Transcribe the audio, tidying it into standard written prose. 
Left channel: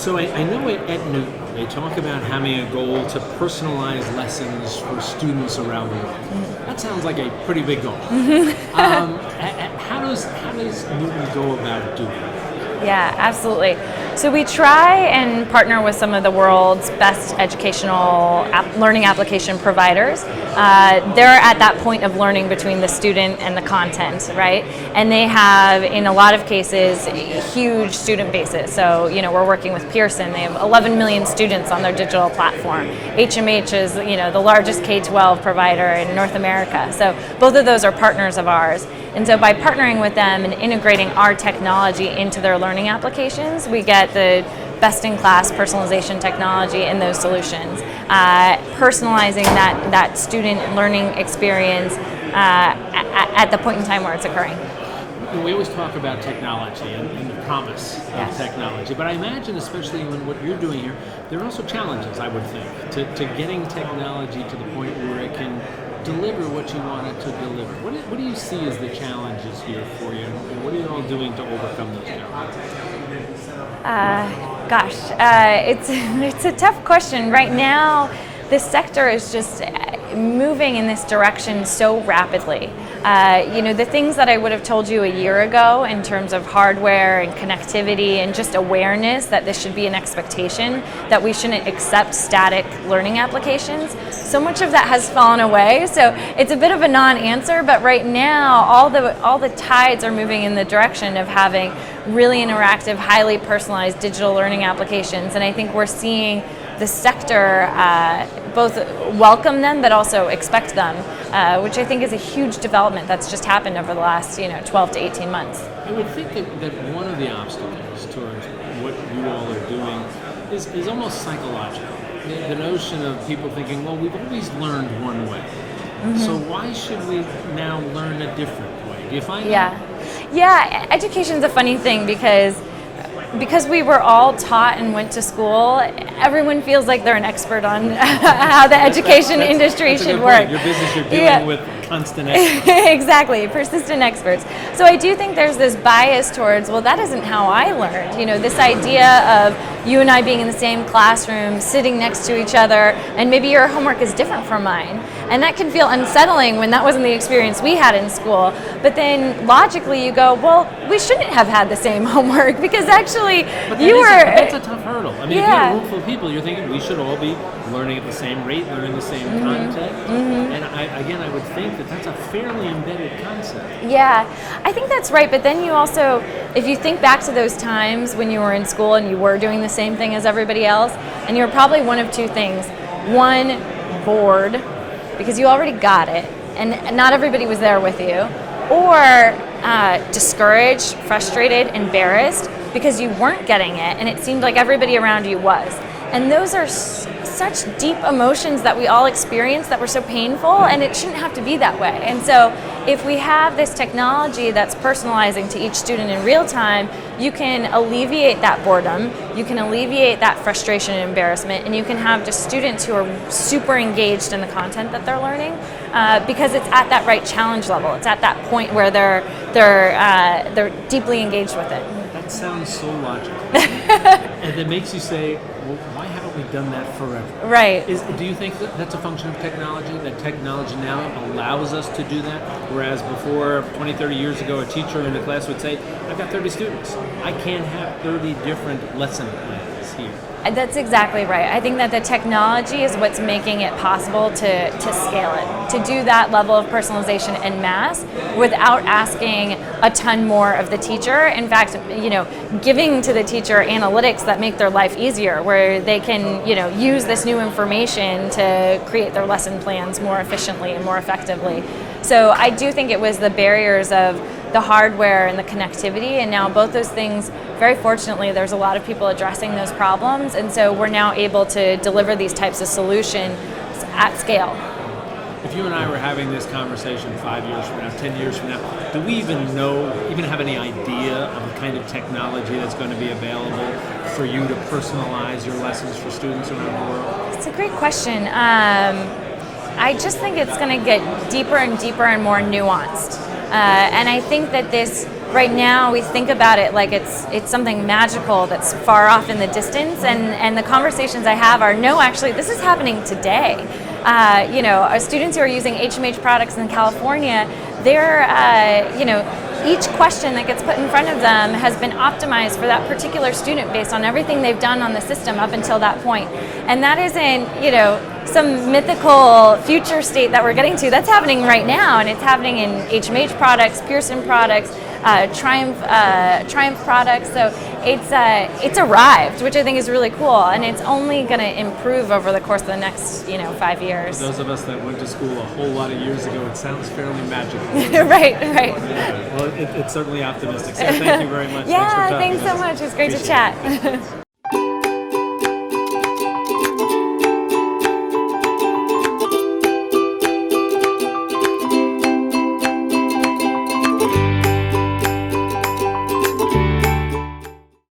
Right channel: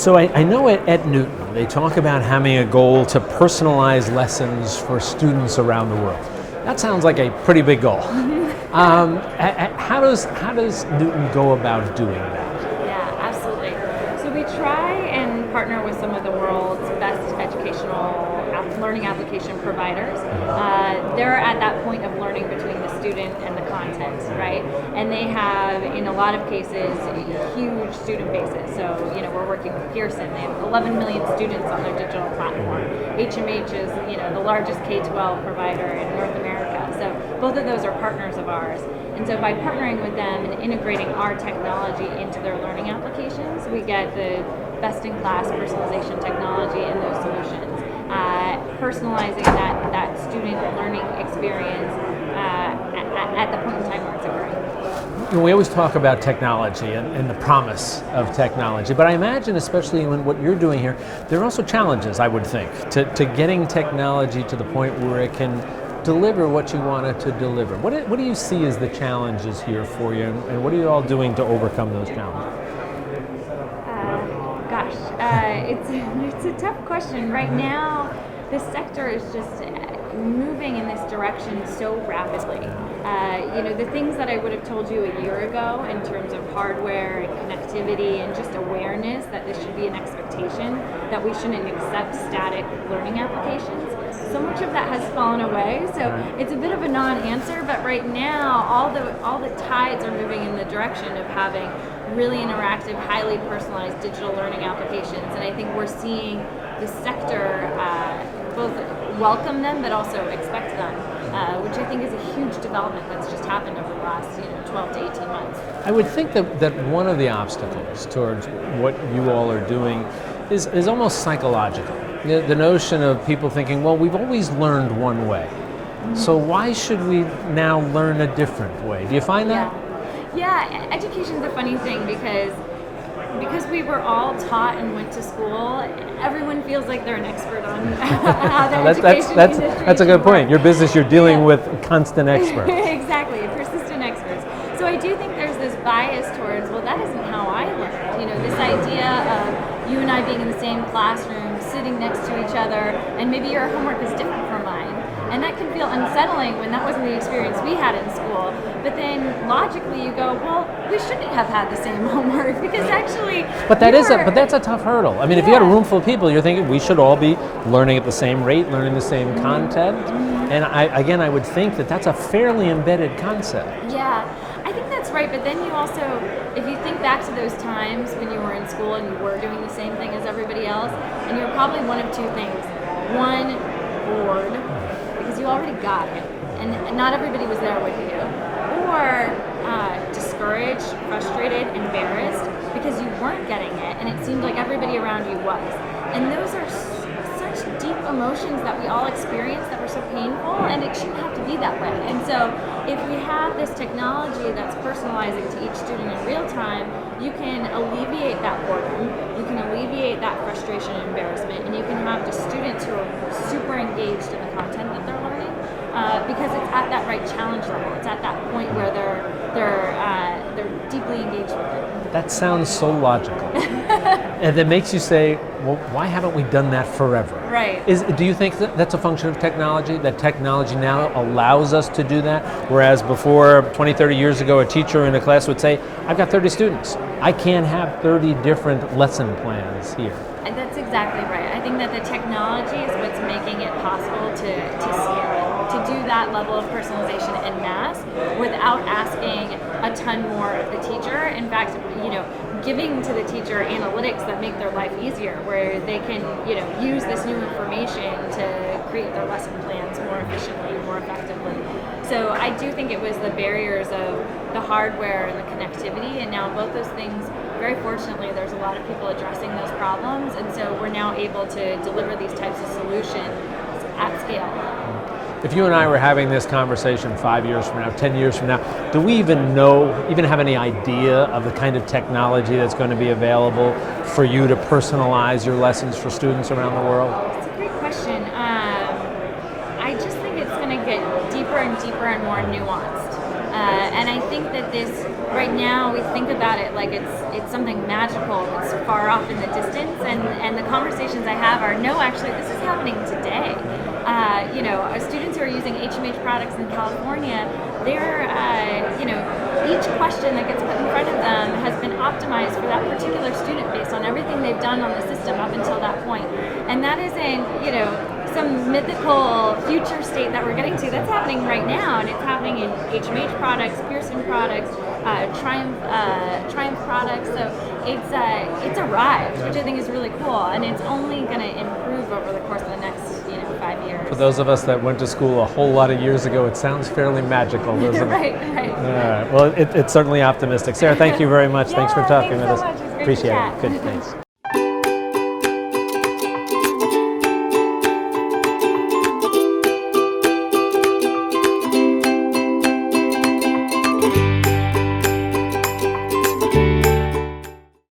So I know at Newton, they talk about having a goal to personalize lessons for students around the world. That sounds like a pretty big goal. How does Newton go about doing that? Yeah, absolutely. So we try and partner with some of the world's best educational learning application providers. They're at that point of learning between the student and the content, right? And they have, in a lot of cases, huge student bases. So, we're working with Pearson. They have 11 million students on their digital platform. HMH is, the largest K-12 provider in North America. So both of those are partners of ours. And so by partnering with them and integrating our technology into their learning applications, we get the best-in-class personalization technology in those solutions, personalizing that student learning experience at the point in time where it's occurring. We always talk about technology and the promise of technology, but I imagine, especially in what you're doing here, there are also challenges, I would think, to getting technology to the point where it can deliver what you want it to deliver. What do you see as the challenges here for you, and what are you all doing to overcome those challenges? It's a tough question. Right now, this sector is just moving in this direction so rapidly. The things that I would have told you a year ago in terms of hardware and connectivity and just awareness that this should be an expectation, that we shouldn't accept static learning applications, so much of that has fallen away. So it's a bit of a non-answer, but right now all the tides are moving in the direction of having really interactive, highly personalized digital learning applications, and I think we're seeing the sector both welcome them but also expect them, which I think is a huge development that's just happened over the last 12 to 18 months. I would think that one of the obstacles towards what you all are doing is almost psychological. The notion of people thinking, well, we've always learned one way, so why should we now learn a different way? Do you find that? Yeah, education's a funny thing because we were all taught and went to school, everyone feels like they're an expert on how the education industry That's a good point. Your business, you're dealing with constant experts. Exactly, persistent experts. So I do think there's this bias towards, well, that isn't how I learned. This idea of you and I being in the same classroom, sitting next to each other, and maybe your homework is different from mine. And that can feel unsettling when that wasn't the experience we had in school. But then logically you go, well, we shouldn't have had the same homework because actually but that's a tough hurdle. I mean, if you had a room full of people, you're thinking we should all be learning at the same rate, learning the same content. And I would think that that's a fairly embedded concept. Yeah, I think that's right. But then you also, if you think back to those times when you were in school and you were doing the same thing as everybody else, and you were probably one of two things. One, bored, because you already got it, and not everybody was there with you, or discouraged, frustrated, embarrassed, because you weren't getting it, and it seemed like everybody around you was. And those are such deep emotions that we all experience that were so painful, and it shouldn't have to be that way. And so if we have this technology that's personalizing to each student in real time, you can alleviate that boredom, you can alleviate that frustration and embarrassment, and you can have just students who are super engaged in the content that they're learning, because it's at that right challenge level. It's at that point where they're deeply engaged with it. That sounds so logical. And it makes you say, well, why haven't we done that forever? Right. Do you think that's a function of technology, that technology now allows us to do that? Whereas before, 20, 30 years ago, a teacher in a class would say, I've got 30 students. I can't have 30 different lesson plans here. That's exactly right. I think that the technology is what's making it possible to scale it, to do that level of personalization en masse without asking a ton more of the teacher. In fact, giving to the teacher analytics that make their life easier, where they can, use this new information to create their lesson plans more efficiently and more effectively. So I do think it was the barriers of the hardware and the connectivity, and now both those things, very fortunately, there's a lot of people addressing those problems, and so we're now able to deliver these types of solutions at scale. If you and I were having this conversation 5 years from now, 10 years from now, do we even have any idea of the kind of technology that's going to be available for you to personalize your lessons for students around the world? It's a great question. I just think it's going to get deeper and deeper and more nuanced. And I think that this, right now, we think about it like it's something magical that's far off in the distance, and the conversations I have are, no, actually, this is happening today. Our students who are using HMH products in California, they're, each question that gets put in front of them has been optimized for that particular student based on everything they've done on the system up until that point. And that isn't, some mythical future state that we're getting to. That's happening right now, and it's happening in HMH products, Pearson products, Triumph products. So it's arrived, which I think is really cool, and it's only going to improve over the course of the next 5 years. For those of us that went to school a whole lot of years ago, it sounds fairly magical. Right. Yeah. Well, it's certainly optimistic. Sarah, thank you very much. Yeah, Thanks for talking thanks so much. It was great to Appreciate chat. It. Good.